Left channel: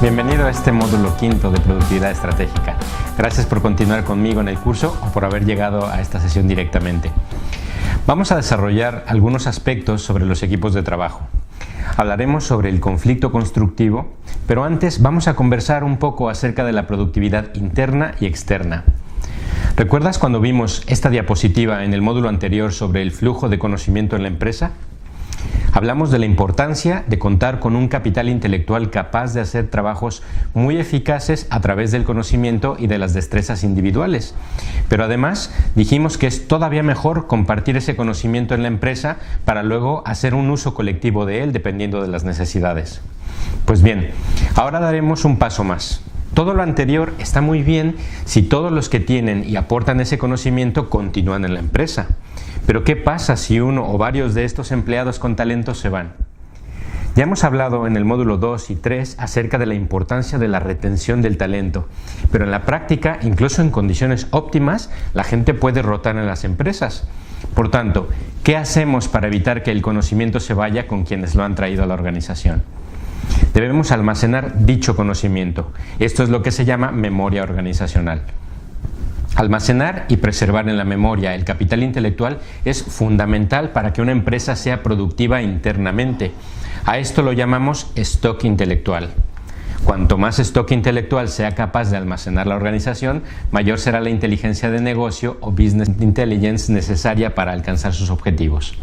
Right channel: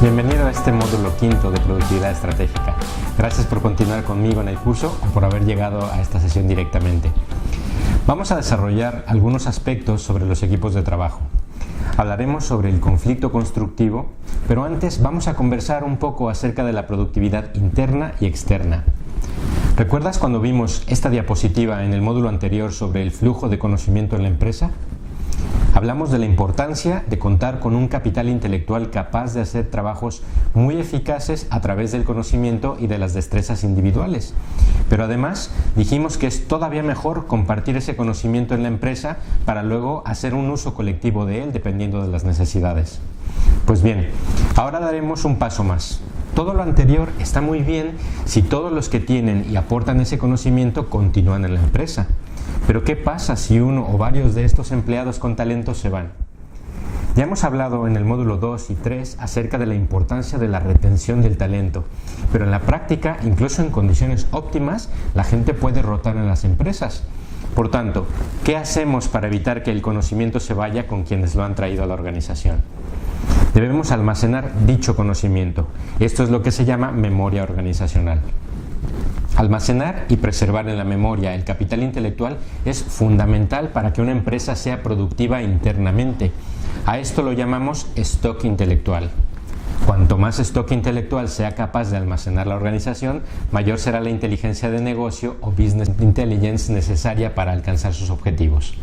Bienvenido a este módulo quinto de Productividad Estratégica. Gracias por continuar conmigo en el curso o por haber llegado a esta sesión directamente. Vamos a desarrollar algunos aspectos sobre los equipos de trabajo. Hablaremos sobre el conflicto constructivo, pero antes vamos a conversar un poco acerca de la productividad interna y externa. ¿Recuerdas cuando vimos esta diapositiva en el módulo anterior sobre el flujo de conocimiento en la empresa? Hablamos de la importancia de contar con un capital intelectual capaz de hacer trabajos muy eficaces a través del conocimiento y de las destrezas individuales. Pero además dijimos que es todavía mejor compartir ese conocimiento en la empresa para luego hacer un uso colectivo de él dependiendo de las necesidades. Pues bien, ahora daremos un paso más. Todo lo anterior está muy bien si todos los que tienen y aportan ese conocimiento continúan en la empresa. Pero ¿qué pasa si uno o varios de estos empleados con talento se van? Ya hemos hablado en el módulo 2 y 3 acerca de la importancia de la retención del talento, pero en la práctica, incluso en condiciones óptimas, la gente puede rotar en las empresas. Por tanto, ¿qué hacemos para evitar que el conocimiento se vaya con quienes lo han traído a la organización? Debemos almacenar dicho conocimiento. Esto es lo que se llama memoria organizacional. Almacenar y preservar en la memoria el capital intelectual es fundamental para que una empresa sea productiva internamente. A esto lo llamamos stock intelectual. Cuanto más stock intelectual sea capaz de almacenar la organización, mayor será la inteligencia de negocio o business intelligence necesaria para alcanzar sus objetivos.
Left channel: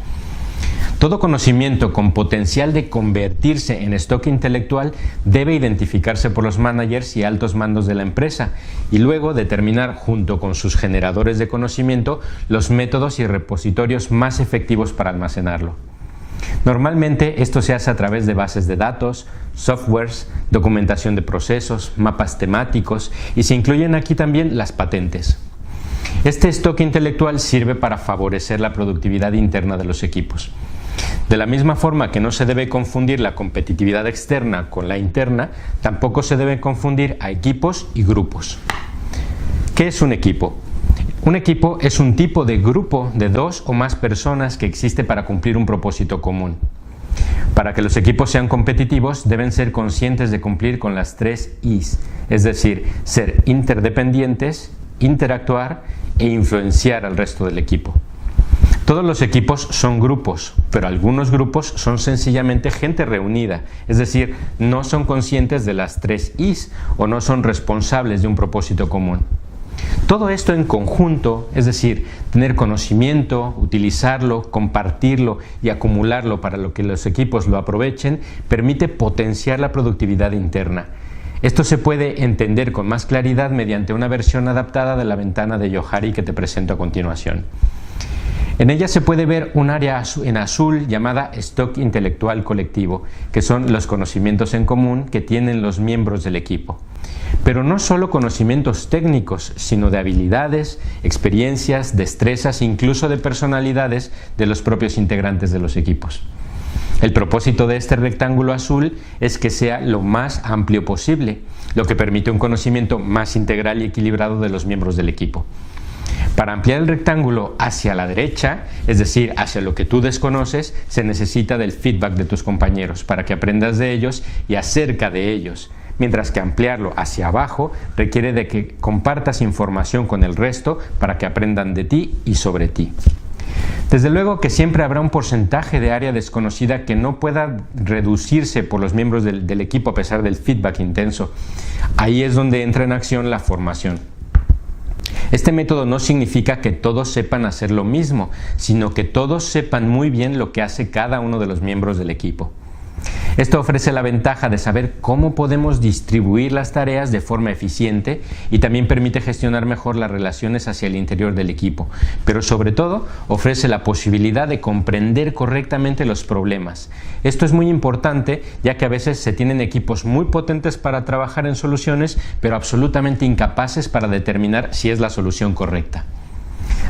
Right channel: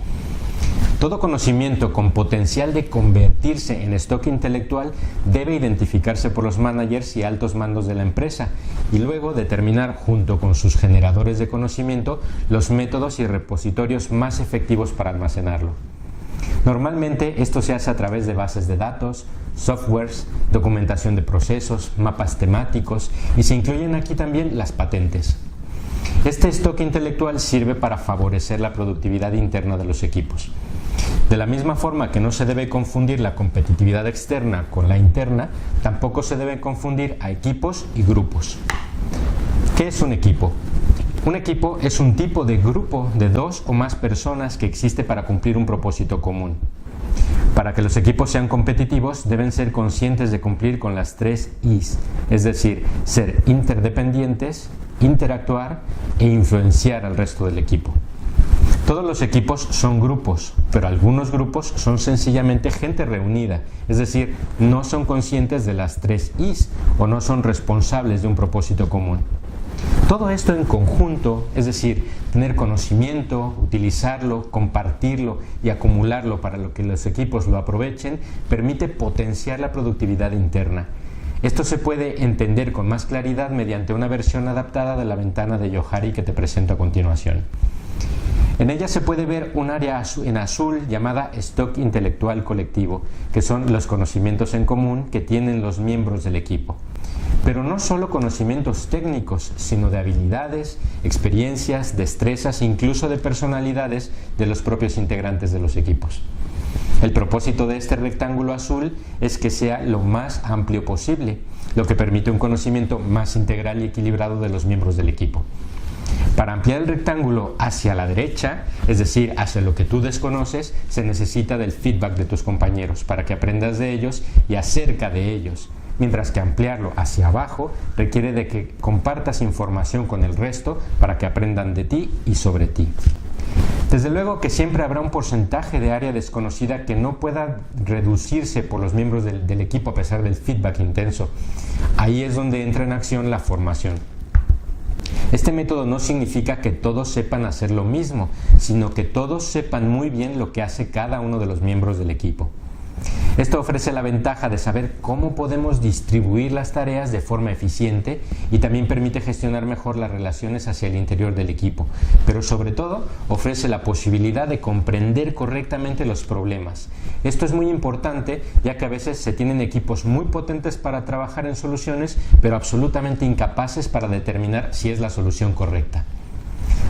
Todo conocimiento con potencial de convertirse en stock intelectual debe identificarse por los managers y altos mandos de la empresa y luego determinar junto con sus generadores de conocimiento los métodos y repositorios más efectivos para almacenarlo. Normalmente esto se hace a través de bases de datos, softwares, documentación de procesos, mapas temáticos y se incluyen aquí también las patentes. Este stock intelectual sirve para favorecer la productividad interna de los equipos. De la misma forma que no se debe confundir la competitividad externa con la interna, tampoco se debe confundir a equipos y grupos. ¿Qué es un equipo? Un equipo es un tipo de grupo de dos o más personas que existe para cumplir un propósito común. Para que los equipos sean competitivos, deben ser conscientes de cumplir con las 3 Is, es decir, ser interdependientes, interactuar e influenciar al resto del equipo. Todos los equipos son grupos, pero algunos grupos son sencillamente gente reunida, es decir, no son conscientes de las 3 Is o no son responsables de un propósito común. Todo esto en conjunto, es decir, tener conocimiento, utilizarlo, compartirlo y acumularlo para que los equipos lo aprovechen, permite potenciar la productividad interna. Esto se puede entender con más claridad mediante una versión adaptada de la ventana de Johari que te presento a continuación. En ella se puede ver un área en azul llamada stock intelectual colectivo, que son los conocimientos en común que tienen los miembros del equipo. Pero no solo conocimientos técnicos, sino de habilidades, experiencias, destrezas, incluso de personalidades de los propios integrantes de los equipos. El propósito de este rectángulo azul es que sea lo más amplio posible, lo que permite un conocimiento más integral y equilibrado de los miembros del equipo. Para ampliar el rectángulo hacia la derecha, es decir, hacia lo que tú desconoces, se necesita del feedback de tus compañeros para que aprendas de ellos y acerca de ellos, mientras que ampliarlo hacia abajo requiere de que compartas información con el resto para que aprendan de ti y sobre ti. Desde luego que siempre habrá un porcentaje de área desconocida que no pueda reducirse por los miembros del equipo a pesar del feedback intenso. Ahí es donde entra en acción la formación. Este método no significa que todos sepan hacer lo mismo, sino que todos sepan muy bien lo que hace cada uno de los miembros del equipo. Esto ofrece la ventaja de saber cómo podemos distribuir las tareas de forma eficiente y también permite gestionar mejor las relaciones hacia el interior del equipo, pero sobre todo ofrece la posibilidad de comprender correctamente los problemas. Esto es muy importante ya que a veces se tienen equipos muy potentes para trabajar en soluciones, pero absolutamente incapaces para determinar si es la solución correcta.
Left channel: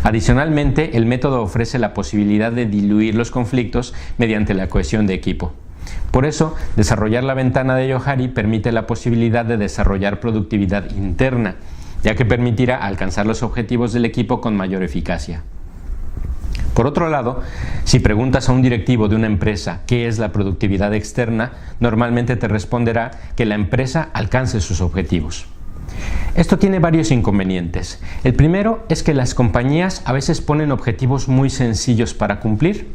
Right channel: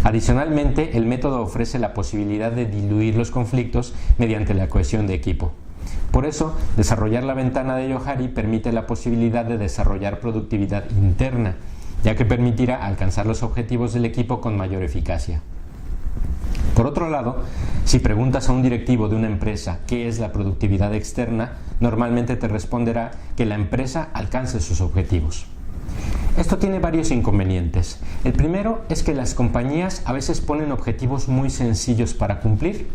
Adicionalmente, el método ofrece la posibilidad de diluir los conflictos mediante la cohesión de equipo. Por eso, desarrollar la ventana de Johari permite la posibilidad de desarrollar productividad interna, ya que permitirá alcanzar los objetivos del equipo con mayor eficacia. Por otro lado, si preguntas a un directivo de una empresa qué es la productividad externa, normalmente te responderá que la empresa alcance sus objetivos. Esto tiene varios inconvenientes. El primero es que las compañías a veces ponen objetivos muy sencillos para cumplir.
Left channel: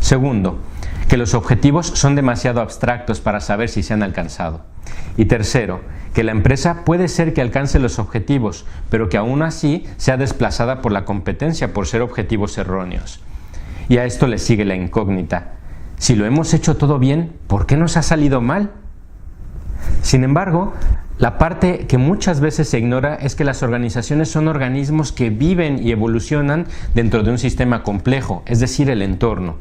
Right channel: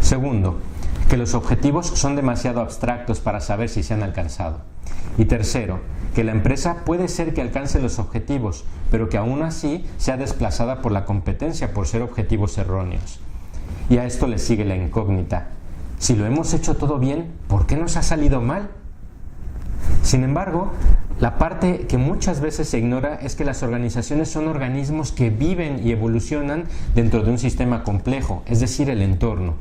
Segundo, que los objetivos son demasiado abstractos para saber si se han alcanzado. Y tercero, que la empresa puede ser que alcance los objetivos, pero que aún así sea desplazada por la competencia por ser objetivos erróneos. Y a esto le sigue la incógnita. Si lo hemos hecho todo bien, ¿por qué nos ha salido mal? Sin embargo, la parte que muchas veces se ignora es que las organizaciones son organismos que viven y evolucionan dentro de un sistema complejo, es decir, el entorno.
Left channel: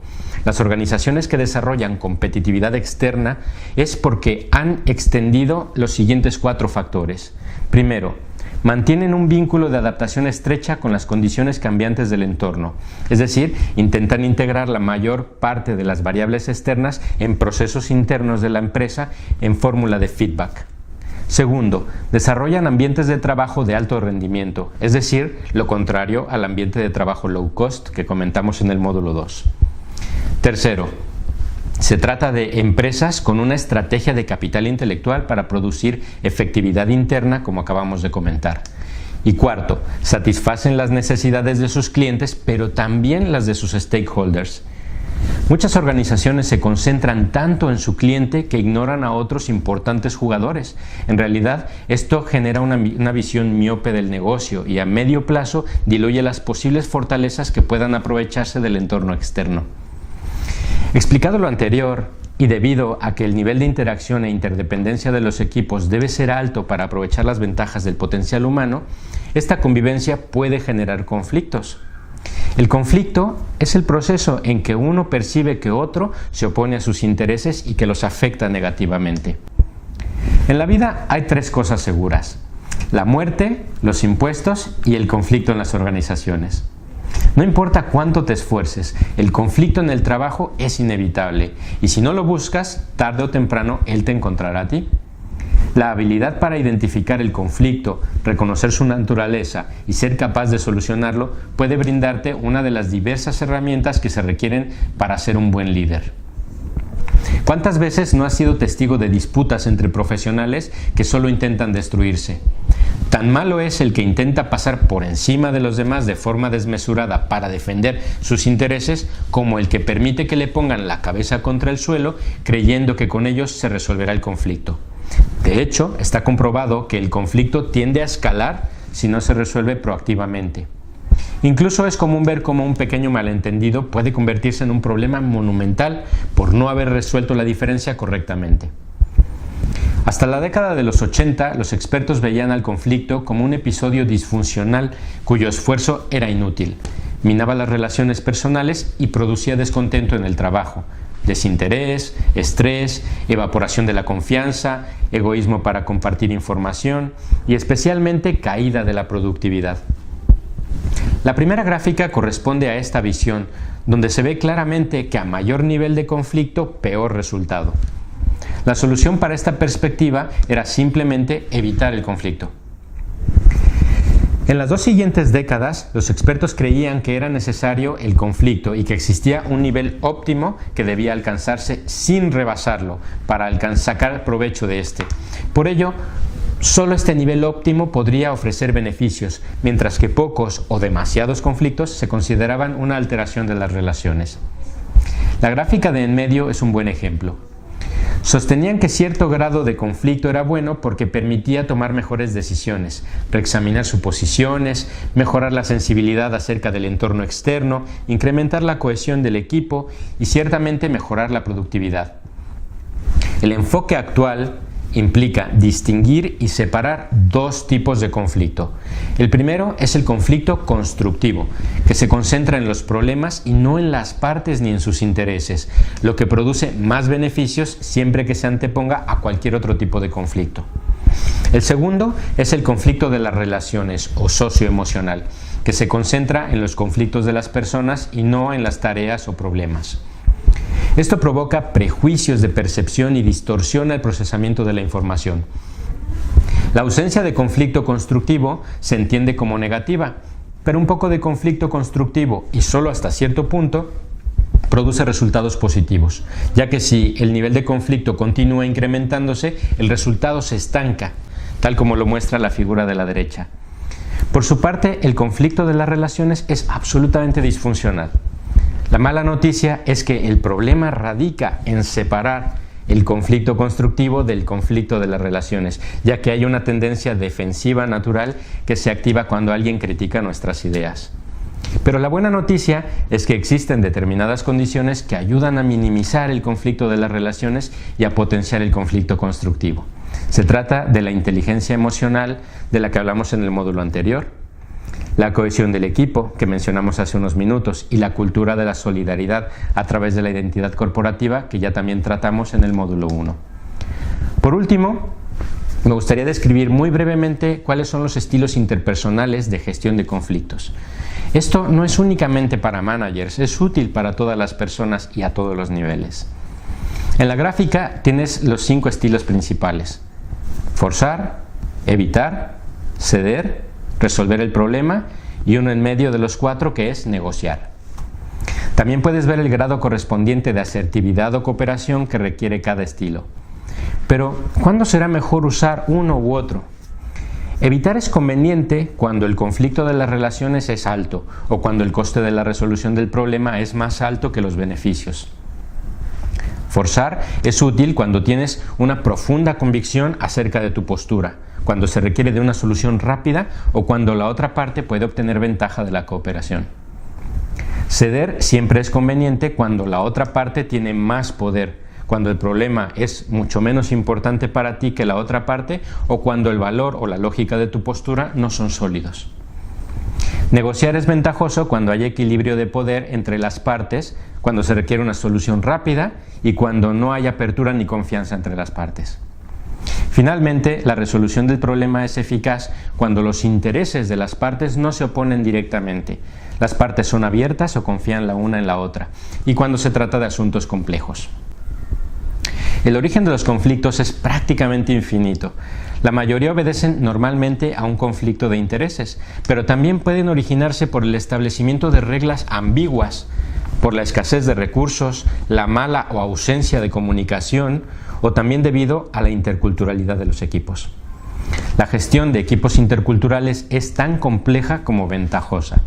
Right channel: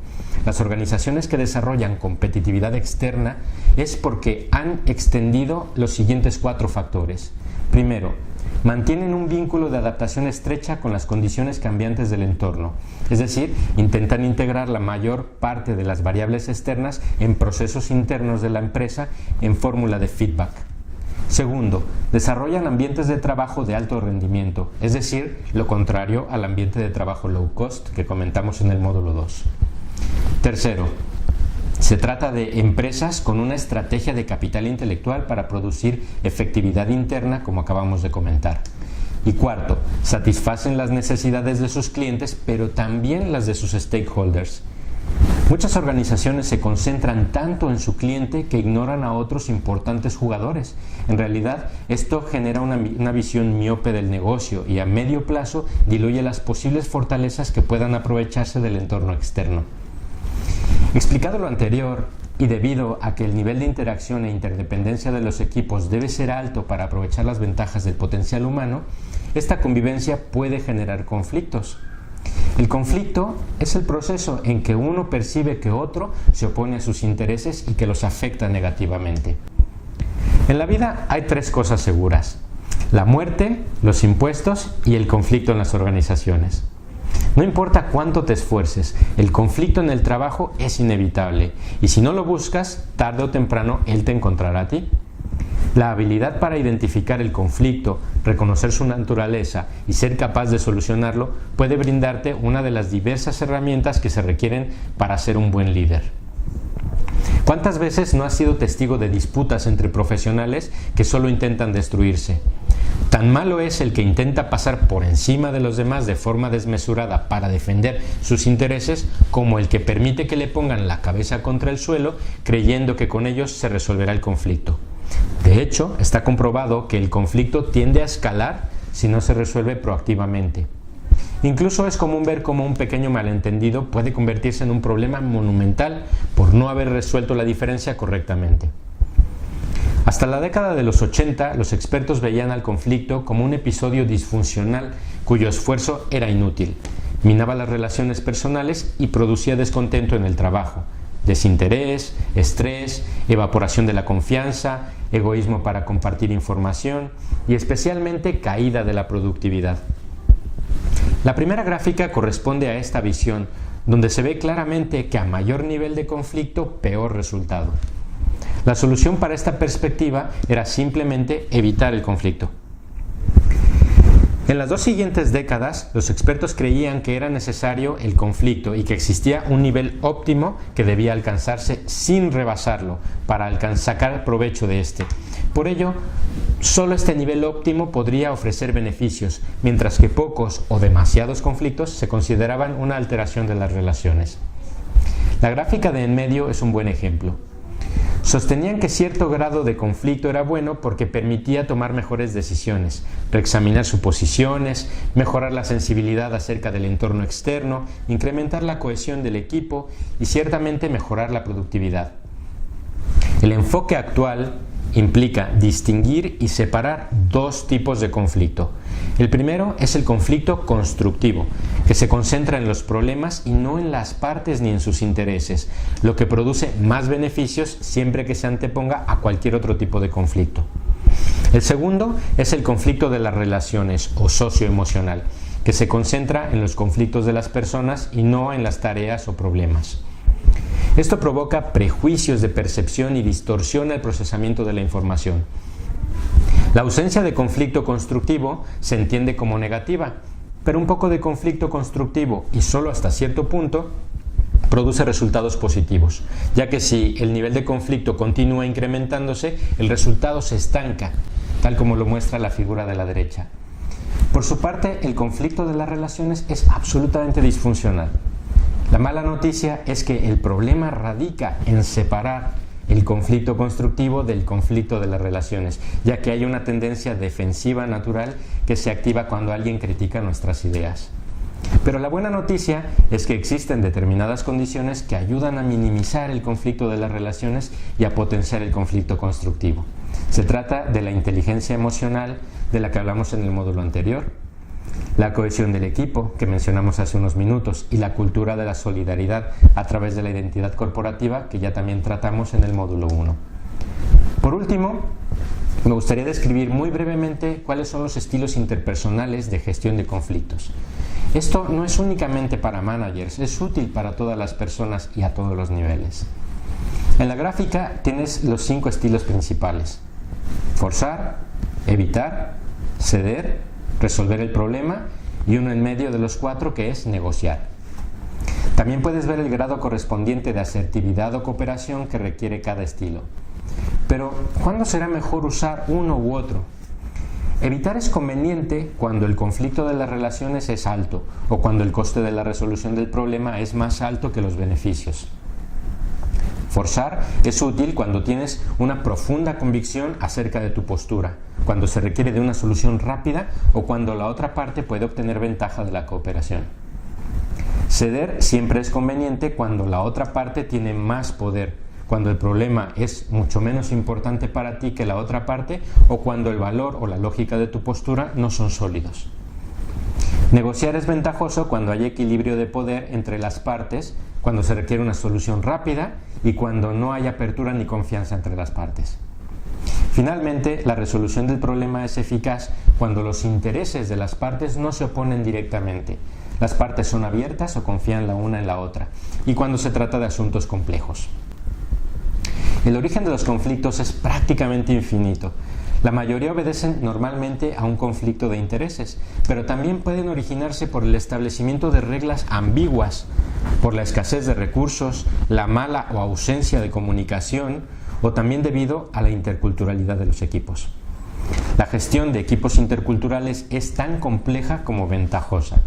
Las organizaciones que desarrollan competitividad externa es porque han extendido los siguientes 4 factores. Primero, mantienen un vínculo de adaptación estrecha con las condiciones cambiantes del entorno, es decir, intentan integrar la mayor parte de las variables externas en procesos internos de la empresa en fórmula de feedback. Segundo, desarrollan ambientes de trabajo de alto rendimiento, es decir, lo contrario al ambiente de trabajo low cost que comentamos en el módulo 2. Tercero, se trata de empresas con una estrategia de capital intelectual para producir efectividad interna, como acabamos de comentar. Y cuarto, satisfacen las necesidades de sus clientes, pero también las de sus stakeholders. Muchas organizaciones se concentran tanto en su cliente que ignoran a otros importantes jugadores. En realidad, esto genera una visión miope del negocio y a medio plazo diluye las posibles fortalezas que puedan aprovecharse del entorno externo. Explicado lo anterior, y debido a que el nivel de interacción e interdependencia de los equipos debe ser alto para aprovechar las ventajas del potencial humano, esta convivencia puede generar conflictos. El conflicto es el proceso en que uno percibe que otro se opone a sus intereses y que los afecta negativamente. En la vida hay 3 cosas seguras: la muerte, los impuestos y el conflicto en las organizaciones. No importa cuánto te esfuerces, el conflicto en el trabajo es inevitable y si no lo buscas, tarde o temprano él te encontrará a ti. La habilidad para identificar el conflicto, reconocer su naturaleza y ser capaz de solucionarlo puede brindarte una de las diversas herramientas que se requieren para ser un buen líder. ¿Cuántas veces no has sido testigo de disputas entre profesionales que solo intentan destruirse? Tan malo es el que intenta pasar por encima de los demás de forma desmesurada para defender sus intereses, como el que permite que le pongan la cabeza contra el suelo creyendo que con ellos se resolverá el conflicto. De hecho, está comprobado que el conflicto tiende a escalar si no se resuelve proactivamente. Incluso es común ver cómo un pequeño malentendido puede convertirse en un problema monumental por no haber resuelto la diferencia correctamente. Hasta la década de los 80, los expertos veían al conflicto como un episodio disfuncional cuyo esfuerzo era inútil, minaba las relaciones personales y producía descontento en el trabajo, desinterés, estrés, evaporación de la confianza, egoísmo para compartir información y especialmente caída de la productividad. La primera gráfica corresponde a esta visión, donde se ve claramente que a mayor nivel de conflicto, peor resultado. La solución para esta perspectiva era simplemente evitar el conflicto. En las 2 siguientes décadas, los expertos creían que era necesario el conflicto y que existía un nivel óptimo que debía alcanzarse sin rebasarlo para sacar provecho de este. Por ello, solo este nivel óptimo podría ofrecer beneficios, mientras que pocos o demasiados conflictos se consideraban una alteración de las relaciones. La gráfica de en medio es un buen ejemplo. Sostenían que cierto grado de conflicto era bueno porque permitía tomar mejores decisiones, reexaminar suposiciones, mejorar la sensibilidad acerca del entorno externo, incrementar la cohesión del equipo y ciertamente mejorar la productividad. El enfoque actual implica distinguir y separar 2 tipos de conflicto. El primero es el conflicto constructivo, que se concentra en los problemas y no en las partes ni en sus intereses, lo que produce más beneficios siempre que se anteponga a cualquier otro tipo de conflicto. El segundo es el conflicto de las relaciones o socioemocional, que se concentra en los conflictos de las personas y no en las tareas o problemas. Esto provoca prejuicios de percepción y distorsiona el procesamiento de la información. La ausencia de conflicto constructivo se entiende como negativa, pero un poco de conflicto constructivo y solo hasta cierto punto produce resultados positivos, ya que si el nivel de conflicto continúa incrementándose, el resultado se estanca, tal como lo muestra la figura de la derecha. Por su parte, el conflicto de las relaciones es absolutamente disfuncional. La mala noticia es que el problema radica en separar el conflicto constructivo del conflicto de las relaciones, ya que hay una tendencia defensiva natural que se activa cuando alguien critica nuestras ideas. Pero la buena noticia es que existen determinadas condiciones que ayudan a minimizar el conflicto de las relaciones y a potenciar el conflicto constructivo. Se trata de la inteligencia emocional de la que hablamos en el módulo anterior, la cohesión del equipo, que mencionamos hace unos minutos, y la cultura de la solidaridad a través de la identidad corporativa, que ya también tratamos en el módulo 1. Por último, me gustaría describir muy brevemente cuáles son los estilos interpersonales de gestión de conflictos. Esto no es únicamente para managers, es útil para todas las personas y a todos los niveles. En la gráfica tienes los 5 estilos principales: forzar, evitar, ceder, resolver el problema, y uno en medio de los 4 que es negociar. También puedes ver el grado correspondiente de asertividad o cooperación que requiere cada estilo. Pero, ¿cuándo será mejor usar uno u otro? Evitar es conveniente cuando el conflicto de las relaciones es alto o cuando el coste de la resolución del problema es más alto que los beneficios. Forzar es útil cuando tienes una profunda convicción acerca de tu postura, cuando se requiere de una solución rápida o cuando la otra parte puede obtener ventaja de la cooperación. Ceder siempre es conveniente cuando la otra parte tiene más poder, cuando el problema es mucho menos importante para ti que la otra parte o cuando el valor o la lógica de tu postura no son sólidos. Negociar es ventajoso cuando hay equilibrio de poder entre las partes, cuando se requiere una solución rápida y cuando no hay apertura ni confianza entre las partes. Finalmente, la resolución del problema es eficaz cuando los intereses de las partes no se oponen directamente. Las partes son abiertas o confían la una en la otra, y cuando se trata de asuntos complejos. El origen de los conflictos es prácticamente infinito. La mayoría obedecen normalmente a un conflicto de intereses, pero también pueden originarse por el establecimiento de reglas ambiguas, por la escasez de recursos, la mala o ausencia de comunicación, o también debido a la interculturalidad de los equipos. La gestión de equipos interculturales es tan compleja como ventajosa.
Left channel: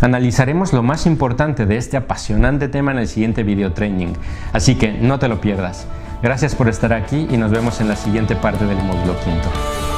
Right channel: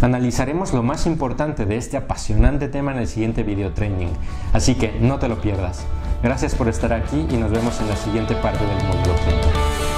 Analizaremos lo más importante de este apasionante tema en el siguiente video training, así que no te lo pierdas. Gracias por estar aquí y nos vemos en la siguiente parte del módulo 5.